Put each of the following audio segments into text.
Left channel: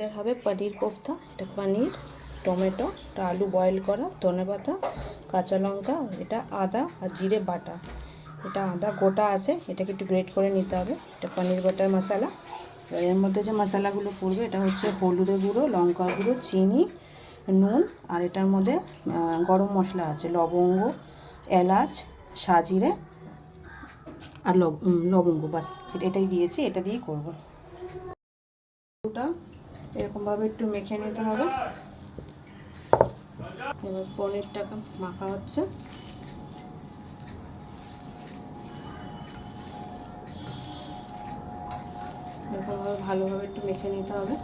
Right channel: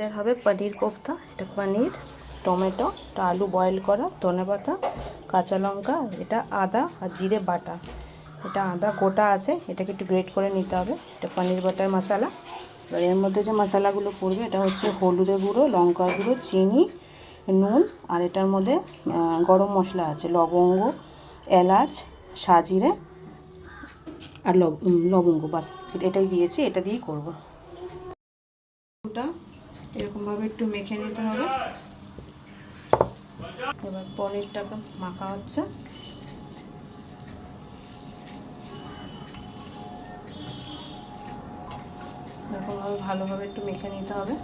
এদের হবে পনির কোফতা। এটা পনির, টমেটো, আলু বয়েল করা, ধনেপাতা, কাঁচা লঙ্কা, এটা আদা আর জিরে বাটা। এটা আদা গোটা আছে, এটাকে একটু গ্রেট করে নিতে হবে। এটা পনির বাটার মশলা। এর মধ্যে যে মশলাগুলো পড়বে এটা হচ্ছে হলুদের গুঁড়ো, লঙ্কার গুঁড়ো, চিনি, নুন, আর এটার মধ্যে গরম মশলা আছে, লবঙ্গ, এলাচ, সাজিরে আর লবঙ্গ। বাস এটাই দিয়েছি, এটা দিয়েই করবো। ওটা এরকমভাবে একটু মেখে নিতে হবে। এবার পনিরটাকে মাখা হচ্ছে। এরকমভাবে ভালোভাবে একটু মেখে নিতে হবে।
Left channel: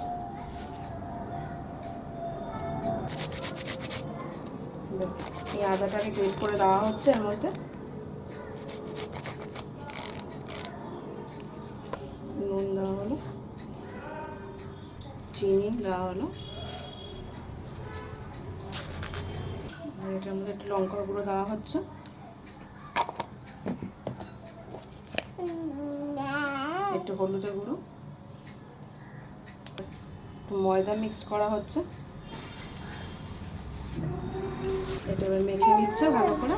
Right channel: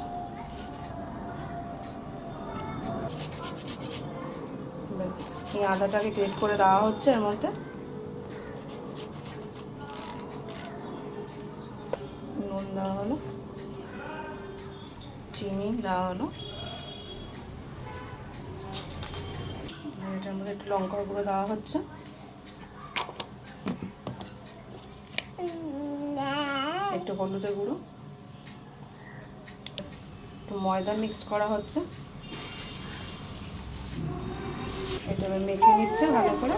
এই আদাটাকে গ্রেট করে দেওয়া হচ্ছে এর মধ্যে। নুন দেওয়া হলো, চিনি দেওয়া হলো, এটার মধ্যে একটু লঙ্কার গুঁড়ো দেওয়া হচ্ছে, একটু হলুদের গুঁড়ো, একটু ময়দা মিক্স করা হচ্ছে। এটা এবার মেখে নিচ্ছে ভালো করে।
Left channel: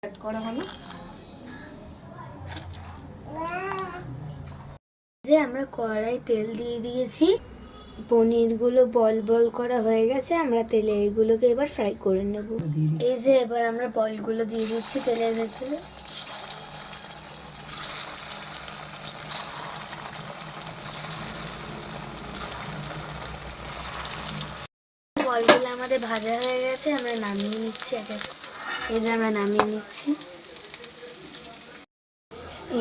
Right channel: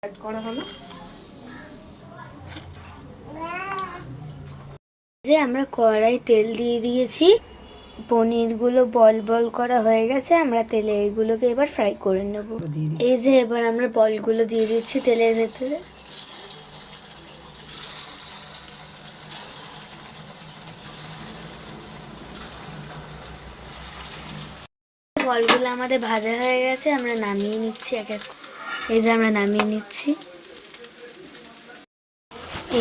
অ্যাড করা হলো। যে আমরা কড়াই তেল দিয়ে দিয়েছি, পনিরগুলো বল বল করা হয়ে গেছে। আমরা তেলে এইগুলোকে এবার ফ্রাই করে নেব। এই যে এবার আমরা বলগুলো দিয়ে দিচ্ছি তেলের ভেতরে। বলগুলো আমাদের ভাজা হয়ে গেছে, আমরা নামিয়ে নিচ্ছি এক এক। এই যে আমরা নামিয়ে নিচ্ছি।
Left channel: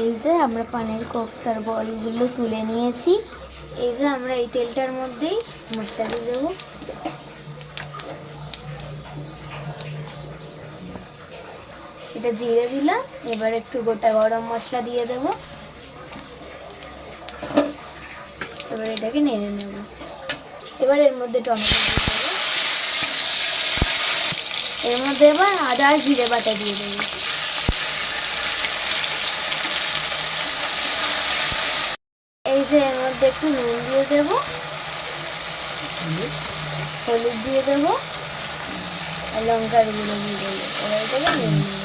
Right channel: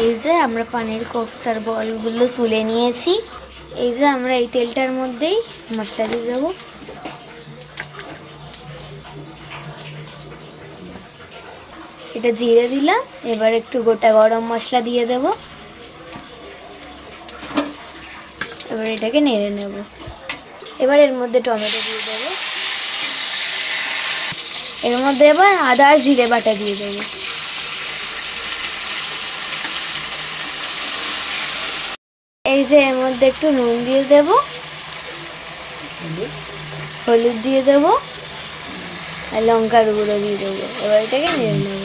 এই যে আমরা পনির কোফতার বলগুলো তুলে নিয়েছি। এই যে আমরা এই তেলটার মধ্যেই মশলা দিয়ে দেবো। এটা জিরে দিলাম, এবার একটু গোটা গরম মশলা দিয়ে দেব। এবার এটাকে নেড়ে নেব। এবার এর মধ্যে টমেটো দিয়ে দেবো। এর মধ্যে এবার আদা আর জিরে বাটা দিয়ে দেবো। এই যে এর মধ্যে একটু নুন দিয়ে দেব, হলুদ দিয়ে দেব আর লঙ্কার গুঁড়ো দিয়ে দেবো। এবার এটাকে নেড়ে নেব।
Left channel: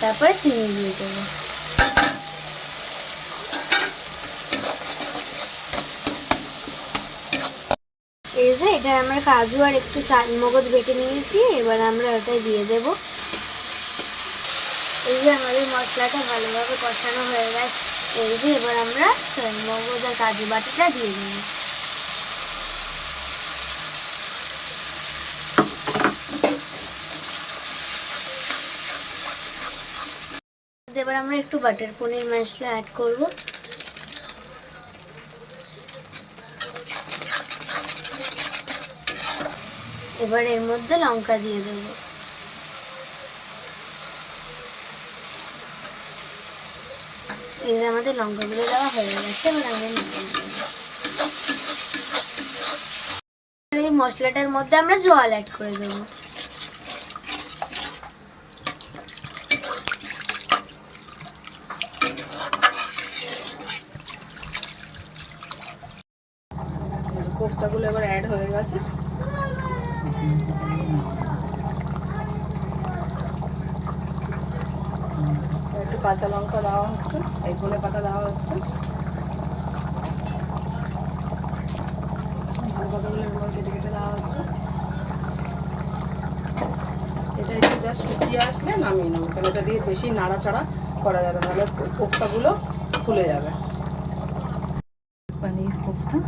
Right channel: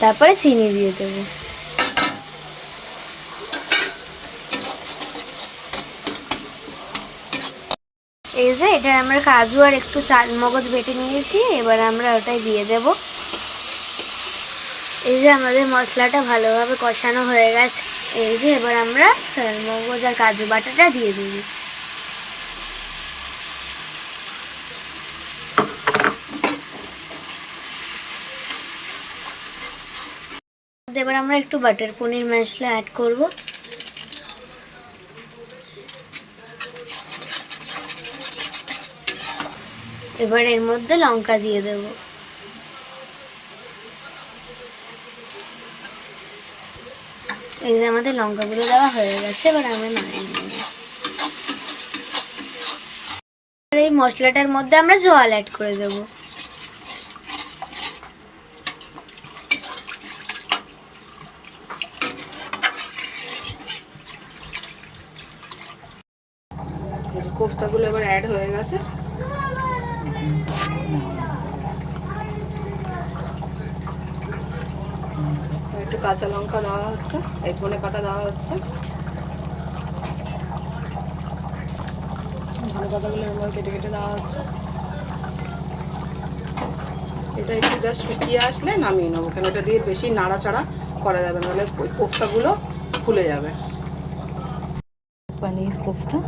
তারপরে চিনি দিয়ে দেবো। এই যে এটা আমরা কাজু আর একটু চালমগজ বেটে নিয়েছি, এবার আমরা ওটাই দিয়ে দেব। এই যে আমাদের মশলাটা ভালোভাবে কষানো হয়ে গেছে। এই যে এবার আমরা চালমগজ আর কাজু বাটাটা দিয়ে দেব। এবার আমরা একটু বাটার পনির মশলা অ্যাড করব। এবার এর মধ্যে লঙ্কা দিয়ে দেব। এই যে আমাদের লঙ্কাগুলো দেওয়া হয়ে গেছে, এবার আমরা নামিয়ে নেব। এই মশলাটার মধ্যে আমরা জল অ্যাড করে দেব। কোফতাগুলো এবার অ্যাড হয়ে গেছে। একটু কাঁচা লঙ্কা দেওয়া হচ্ছে, এক ধনে পাতা দেওয়া হচ্ছে। ধনে পাতাগুলো এবার কেটে কেটে দেওয়া হচ্ছে। এটা একটু জাস্ট শুকিয়ে আসলে নামিয়ে নেবো, কারণ এটা দিয়ে বেশি নাড়াচাড়া করা যাবে, নাহলে কোফতাগুলো ফুলে যাবে। পনির কোফতা